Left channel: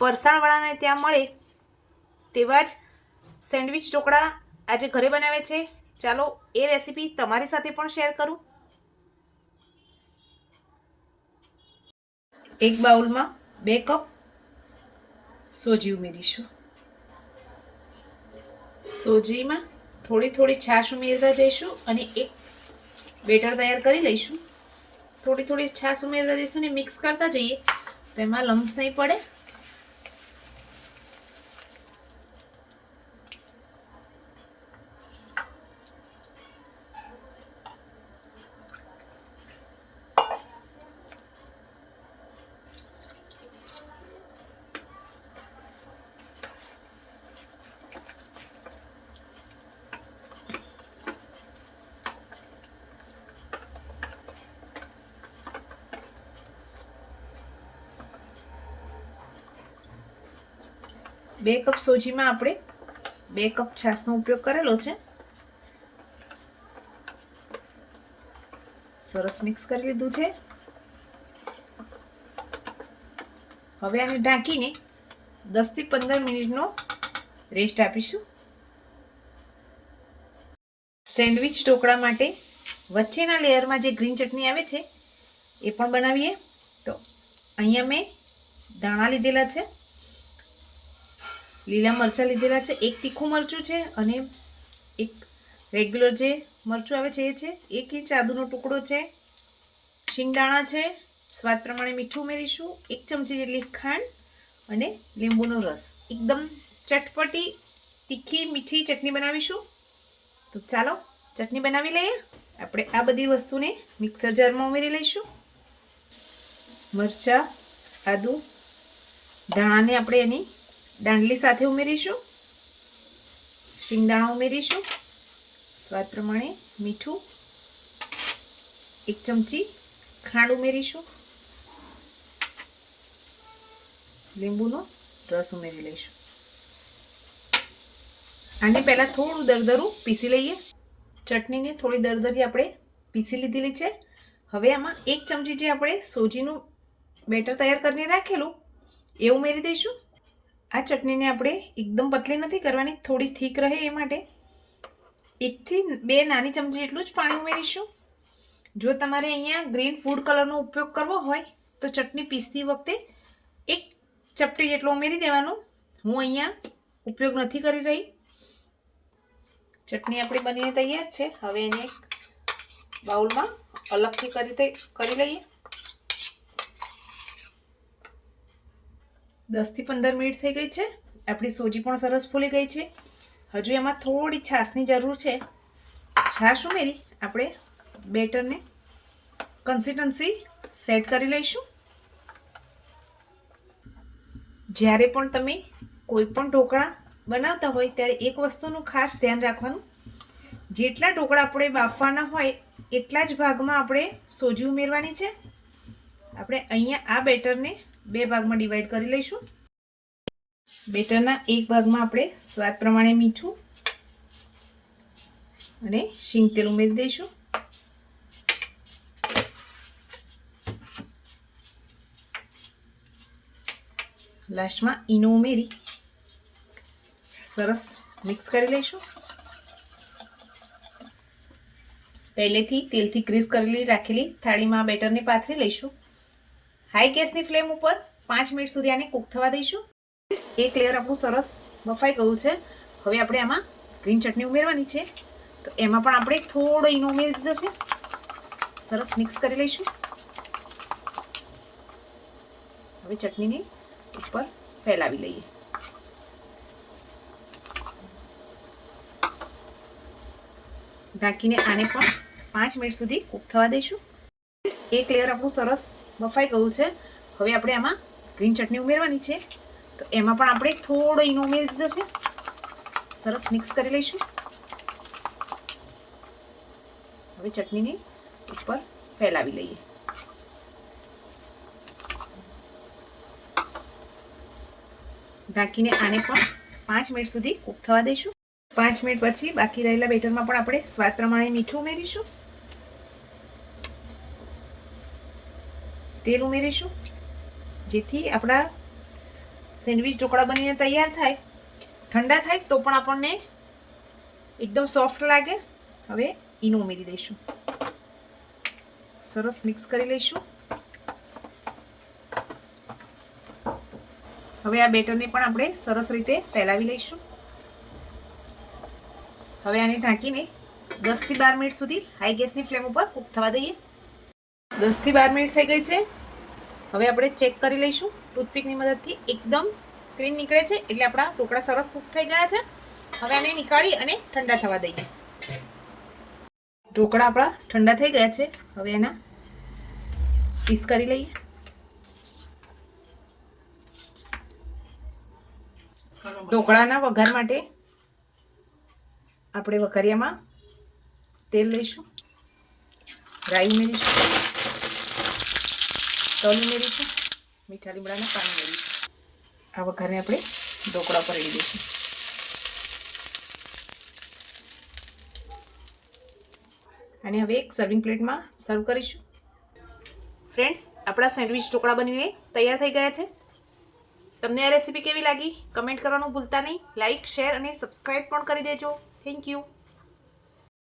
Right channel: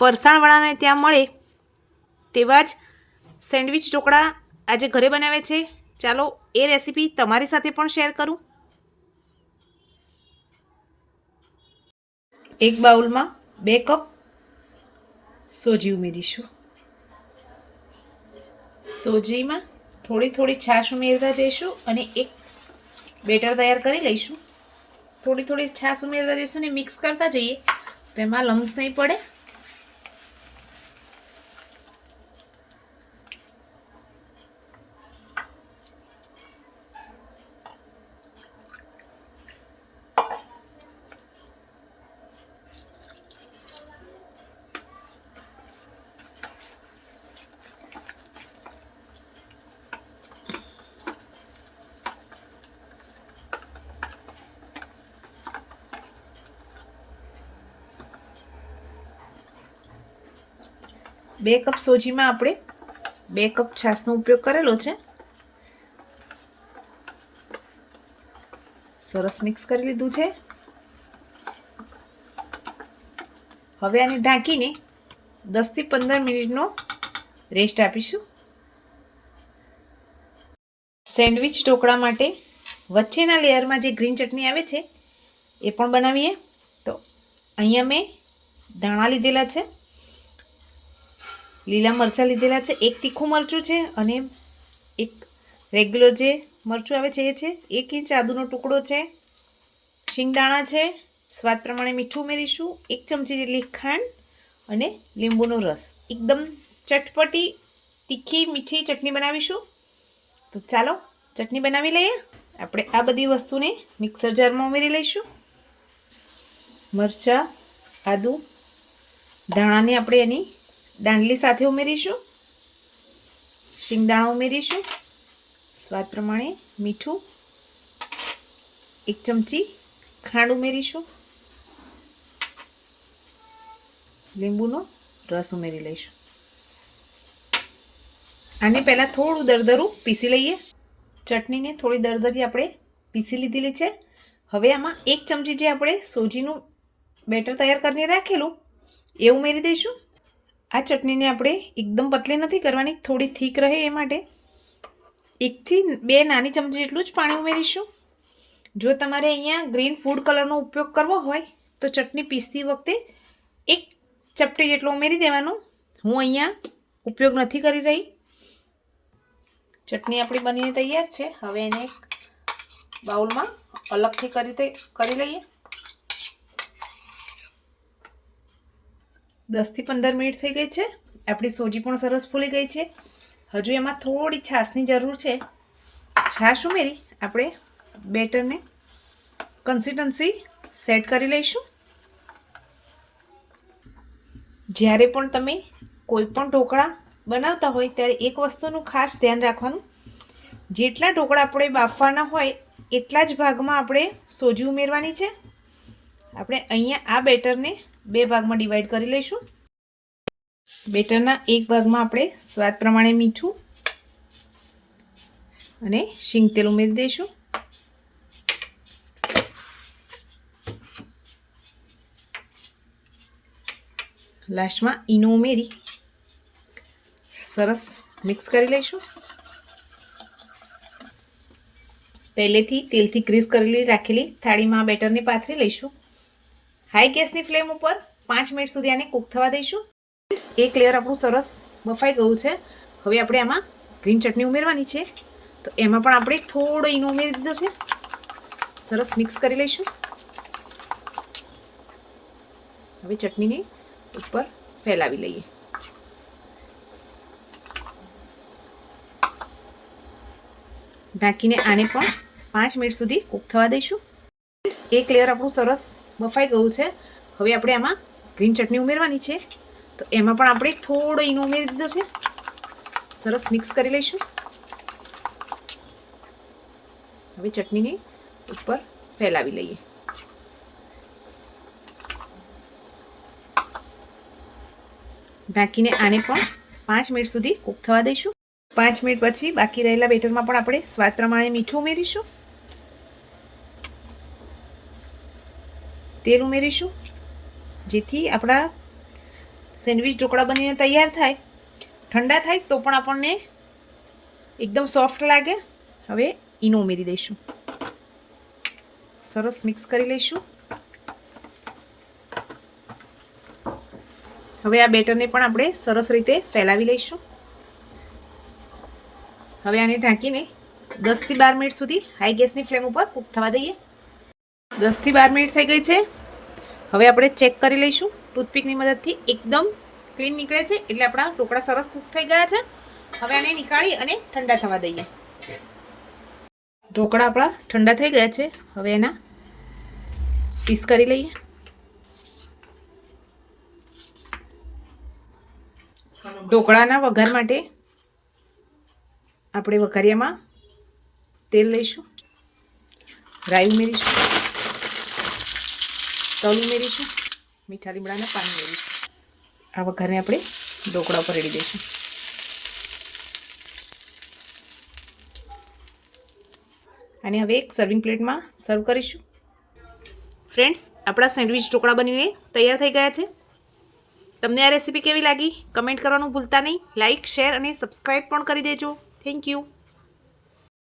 ફરસાણવાળાને ત્યાં મળે તેવા જ સેન્ડવિચ ઢોકળા આજે ઘરે બનાવે છે. ચાલો એ રેસીપી તમારી સાથે પણ શેર કરું. એક બાઉલમાં 2 કપ સોજી ઉમેરીશું. સોજીમાં થોડી થોડી છાશ ઉમેરતા જઈશું અને એક બેટર તૈયાર કરી લઈશું. થોડી થોડી છાશ ઉમેરતા જઈશું ને મિક્સ કરતા જઈએ તો એમાં લમ્સ નહીં પડે. બે કપ સોજીમાં આપણે 2 કપ છાશનો ઉપયોગ કરેલો છે. સરસ મિક્સ કરી લીધું છે. હવે આને ઢાંકીને 10 થી 15 મિનિટનો રેસ્ટ આપીશું. સેન્ડવિચ ઢોકળા માટે વચ્ચેના લેયરમાં જે ગ્રીન ચટણી આવે છે એ પણ બનાવીએ. તો અહીંયા મેં ધાણા લીધેલા છે, લીલા મરચાં લીધેલા છે, એક તીખું મરચું છે અને એક રેગ્યુલર જે મરચું આવે છે એ છે. 1 ઇંચ આદુનો ટુકડો છે, શિંગદાણા છે, સ્વાદ પ્રમાણે મીઠું ઉમેરીશું, 1 ચમચી જેટલી ખાંડ અને લીંબુનો રસ. એકદમ ચટપટી તીખી મીઠી ચટણી બનાવીશું. તો ચાલો ચટણી બનાવી લઈએ. આપણે આ બધી વસ્તુને મિક્સર જારમાં ઉમેરી લઈશું. મરચાં, આદુ, ધાણાને આપણે એની દાંડલી સાથે ઉમેરીશું. શિંગદાણા ઉમેરીશું, સ્વાદ પ્રમાણે મીઠું, 1 ચમચી ખાંડ ઉમેરીશું, લીંબુનો રસ ઉમેરી લઈશું. આને પહેલાં થોડું દરદરું પીસી લઈએ. ચટણીને થોડી દરદરી આપણે પીસી લીધેલી છે. હવે આમાં 1 ચમચી જે આપણે સોજીનું બેટર તૈયાર કરીને રાખેલું એ ઉમેરી દઈશું. આ ચટણીને આપણે એકદમ પતલી નથી કરવાની, થોડી થીક રહે એ માટે 1 થી 2 નાની ચમચી જેટલું જ પાણી ઉમેરીશું. જો તમારે અહીંયા ગ્રીન ફૂડ કલરનો ઉપયોગ કરવો હોય તો ચટણી પીસતી વખતે 1 ચપટી જેટલું ઉમેરી દેવાનું. હું અહીંયા ઉપયોગ નથી કરી રહી. ચટણી આપણી બનીને તૈયાર છે. હવે એને એક બાઉલમાં અલગથી કરી લઈએ. 10 થી 15 મિનિટ થઈ ગઈ છે. આપણી સોજી પણ સરસ ફૂલી ગઈ છે. હજુ એમાં થોડી છાશની જરૂર છે. છાશ ઉમેરી આપણે બેટરને કન્સિસ્ટન્સી સેટ કરી લઈશું. જ્યારે પણ તમે કોઈ પણ ઢોકળા બનાવતા હોય ત્યારે એક વસ્તુનું ખાસ ધ્યાન રાખવાનું, જેટલા ઢોકળા આપણે બાફવાના હોય એટલા જ ભાગમાં આપણે સોજી ઉમેરવાની છે. આપણે અહીંયા આ બેટરને 2 ભાગમાં ડિવાઈડ કરી લઈશું. બેટરના એક ભાગમાં આપણે સ્વાદ પ્રમાણે મીઠું અને શીંગ તેલ ઉમેરી દઈશું. લાસ્ટમાં ઈનો ઉમેરી સરસ મિક્સ કરી લઈશું. પહેલેથી તેલથી ગ્રીસ કરેલી રાખેલી થાળીમાં બેટરને પાથરી લઈશું. હાઈ ગેસની ફ્લેમ ઉપર 5 મિનિટ સુધી આને કૂક થવા દઈશું. એક લેયર આપણું સરસ બફાઈ ગયું છે. હવે આપણે આમાં ગ્રીન ચટણી ઉમેરવાની છે. તો એમાં પણ આપણે થોડો ઈનો ઉમેરી દીધો છે. સરસ મિક્સ કરી લઈશું. હવે ચટણીને ઉપર ફેલાવી લઈએ. ઢાંકીને આને પણ 5 મિનિટ સુધી કૂક થવા દઈશું. એક લેયર આપણું સરસ બફાઈ ગયું છે. હવે આપણે આમાં ગ્રીન ચટણી ઉમેરવાની છે. તો એમાં પણ આપણે થોડો ઈનો ઉમેરી દીધો છે. સરસ મિક્સ કરી લઈશું. હવે ચટણીને ઉપર ફેલાવી લઈએ. ઢાંકીને આને પણ 5 મિનિટ સુધી કૂક થવા દઈશું. 5 મિનિટ પછી બાકી રહેલા બેટરમાં પણ આપણે સ્વાદ પ્રમાણે મીઠું ઉમેરીશું, તેલ ઉમેરીશું, જેથી આપણા સેન્ડવિચ ઢોકળા બનીને તૈયાર થાય, ઠંડા થાય તો પણ આપણને એકદમ સોફ્ટ લાગે. હવે ઈનો ઉમેરી દઈશું, સરસ મિક્સ કરી લઈશું. હવે આ બેટરને પણ આપણે સરસ રીતે ફેલાવી લઈશું. હવે આને ઢાંકીને 10 થી 12 મિનિટ સુધી હાઈ ગેસની ફ્લેમ ઉપર કૂક થવા દઈએ. 10 થી 12 મિનિટ થઈ ગઈ છે. હવે આપણે ચેક કરી લઈશું ટૂથપીકની મદદથી. એકદમ ક્લીન નીકળે છે એટલે આપણા ઢોકળા સરસ કૂક થઈ ગયા છે. હવે આને નીકાળી અને ઠંડા થવા દઈએ. ઢોકળા આપણા ઠંડા થઈ ગયા છે. હવે એના પીસ કરી લઈએ. ઢોકળાના વઘાર માટે આપણે વઘારિયામાં તેલ લઈશું, રાઈ ઉમેરીશું, તલ ઉમેરીશું, મીઠા લીમડાના પાન ઉમેરીશું. આ વઘારને આપણે ઢોકળા પર રેડી દઈશું. અને હવે એક સર્વિંગ પ્લેટમાં સર્વ કરીશું. ફ્રેન્ડ્સ, આપણા સેન્ડવિચ ઢોકળા બનીને તૈયાર થઈ ગયા છે. તમને આ રેસીપી કેવી લાગી કમેન્ટ કરવાનું ભૂલતા નહીં. લાઇક, શેર અને સબસ્ક્રાઈબ પણ કરી દેજો. Thank you.